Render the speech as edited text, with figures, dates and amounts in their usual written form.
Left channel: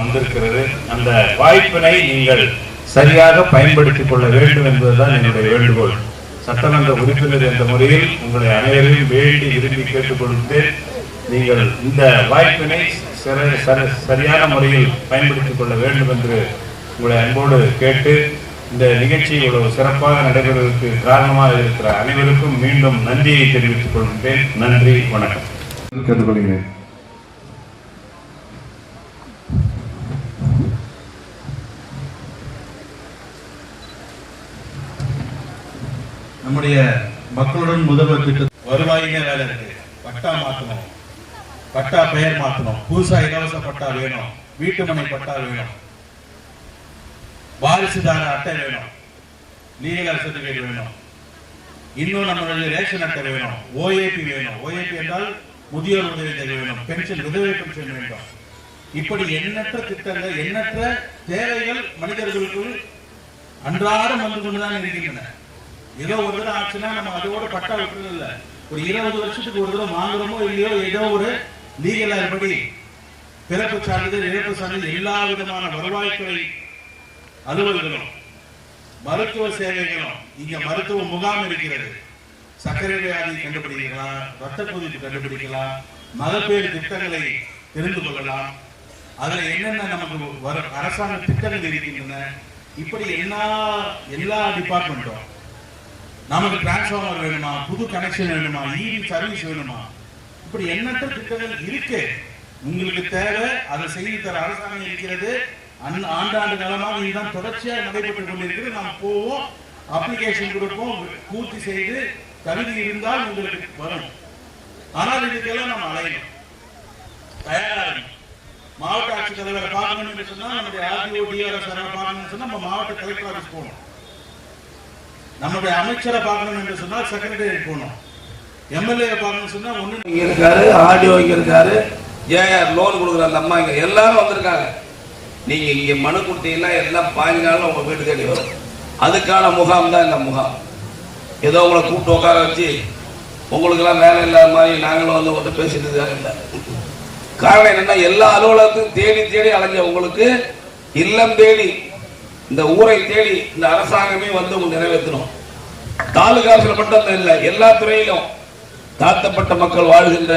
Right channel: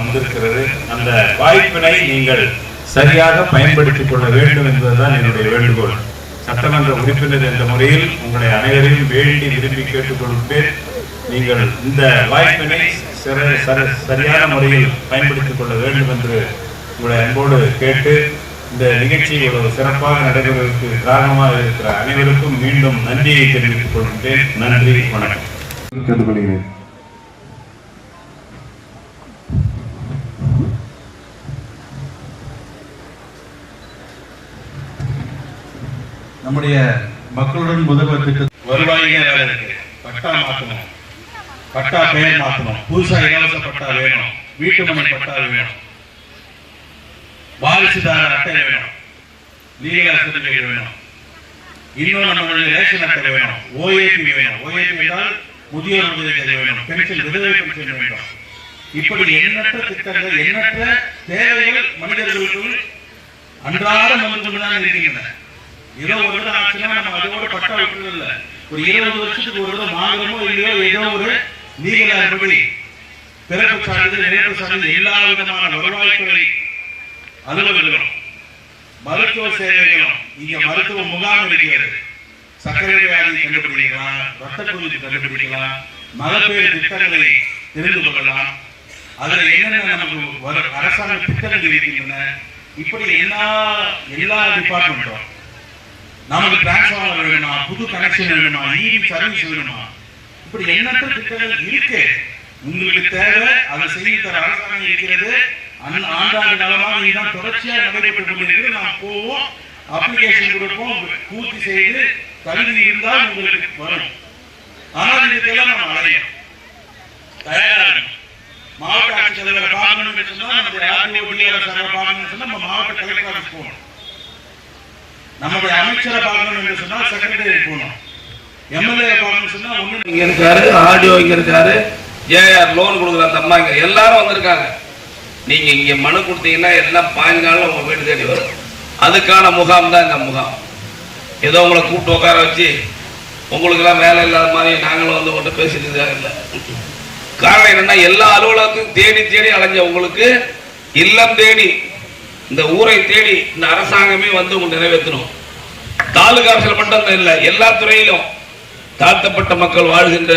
வந்திருக்கிறது. அந்த வாய்ப்பினை நீங்கள் சரியாக பயன்படுத்திக் கொள்ள வேண்டும் என்பதுதான் என்னுடைய வேண்டுகோள். சட்டமன்ற உறுப்பினர் என்ற முறையில் உங்களை அனைவரையும் வேண்டி விரும்பி கேட்டுக்கொண்டு நீங்கள் இந்த வாய்ப்பினை சரியான முறையில் பயன்படுத்திக் கொள்ள வேண்டும் என்று உங்களை அன்போடு கேட்டு இந்த நிகழ்ச்சி இவ்வளவு சிறப்பாக நடைபெறுவதற்கு காரணமாக இருக்கிற அனைவருக்கும் மீண்டும் நன்றியை தெரிவித்துக் கொள்கின்றேன். நன்றி, வணக்கம். கேட்டுக்கொள்கிறேன். நம்முடைய மக்களுடன் முதல்வர் திட்டம் வருவாய்க்கு பட்டா மாற்றணும், பட்டா பெயர் மாற்றணும், புதுசா இலவச பட்டா வேணும், வீட்டு மனை பட்டா வேணும், வாரிசுதார அட்டை வேணும், லீகல் சர்டிபிகேட் வேணும், இன்னும் நம்மளுடைய ரேஷன் அட்டை வேணும், ஓஏபி வேணும், ஓஏபி என்றால் முதியோர் உதவி வேணும், பென்ஷன் விதவை பென்ஷன் வேணும். இப்படி எண்ணற்ற திட்டங்கள், எண்ணற்ற தேவைகள் மனிதர்களுக்கு அன்றாடம் வந்து இருக்கின்றன. 20 வருடம் ஆச்சுன்னா நம்ம அதோட பட்டா விட்டுறது இல்லை. ஒரு 20 வருஷத்துக்கு ஒரு தடவை வாங்குறோமோ இல்லையோ ஏதோ ஒரு லீகல் பிறப்பு சான்றிதழ், இறப்பு சான்றிதழ், எல்லா விதமான வருவாய்த்துறை அலுவலர்களும் மருத்துவ சேவைகளும் இங்க மருத்துவ முகாம் இருக்கிறது. சர்க்கரை வியாதி கண்டுபிடிக்கலாம், ரத்த கொதிப்பு கண்டுபிடிக்கலாம், மகப்பேறு திட்டங்களை தெரிந்து கொள்ளலாம், அதில் என்னென்ன நமக்கு அரசாங்க திட்டங்கள் இருக்கின்றன. இப்படி எல்லா டிபார்ட்மெண்ட்டும் நமக்கு டிரான்ஸ்ஃபார்மர் வேணும், புது கனெக்ஷன் வேணும், இபி சர்வீஸ் வேணும், இப்படி எண்ணற்ற திட்டங்கள் இருக்கு. உங்களுக்கு தேவை அதை செய்து தர அரசாங்கம் இருக்கிறது. ஆண்டாண்டு காலமாக இதுதான் தொடர்ச்சியாக நடைபெற்று கொண்டிருக்கிறது. நாம் போவோம், அப்ளிகேஷன் கொடுப்போம், பூர்த்தி செய்து தகுதி இருந்தால் உங்களுக்கு வரும். ஆனால் இதுக்கெல்லாம் நம்ம அடையும் தயாராக மாவட்ட ஆட்சித்தலைவரை பார்க்கணும்னு சொன்னா, நம்முடைய பார்க்கணும்னு சொன்னா நம்ம மாவட்ட கலெக்டர் ஆஃபீஸ் போகணும், நம்முடைய அமைச்சரை பார்க்கணும் சொன்னா செக்ரட்டரி போகணும், எம்எல்ஏ பார்க்கணும் சொன்னா இங்க இருக்காரு, ஆடியோ இங்க இருக்காரு, ஏஆர் லோன் கொடுக்குற அந்த அம்மா இங்க எல்லாரும் வந்திருக்காங்க. நீங்க இங்க மனு கொடுத்தீங்கன்னா எல்லாம் 15 நாள்ல உங்க வீடு தேடி வரும். அதுக்கான முகாம் தான் இந்த முகாம். ஏதோ உங்களை கூப்பிட்டு உட்கார வச்சு உங்களுக்கு எல்லாம் வேலை இல்லாத மாதிரி நாங்களும் வந்து உங்கள்கிட்ட பேசிட்டு இல்லை. காரணம் என்னன்னா, எல்லா அலுவலகத்தையும் தேடி தேடி அலைஞ்ச உங்களுக்கு இல்லம் தேடி, இந்த ஊரை தேடி இந்த அரசாங்கமே வந்து உங்க நிறைவேற்றணும். தாலுகா ஆட்சியில் மட்டும் இல்லை, எல்லா துறையிலும் தாழ்த்தப்பட்ட மக்கள் வாழ்கின்ற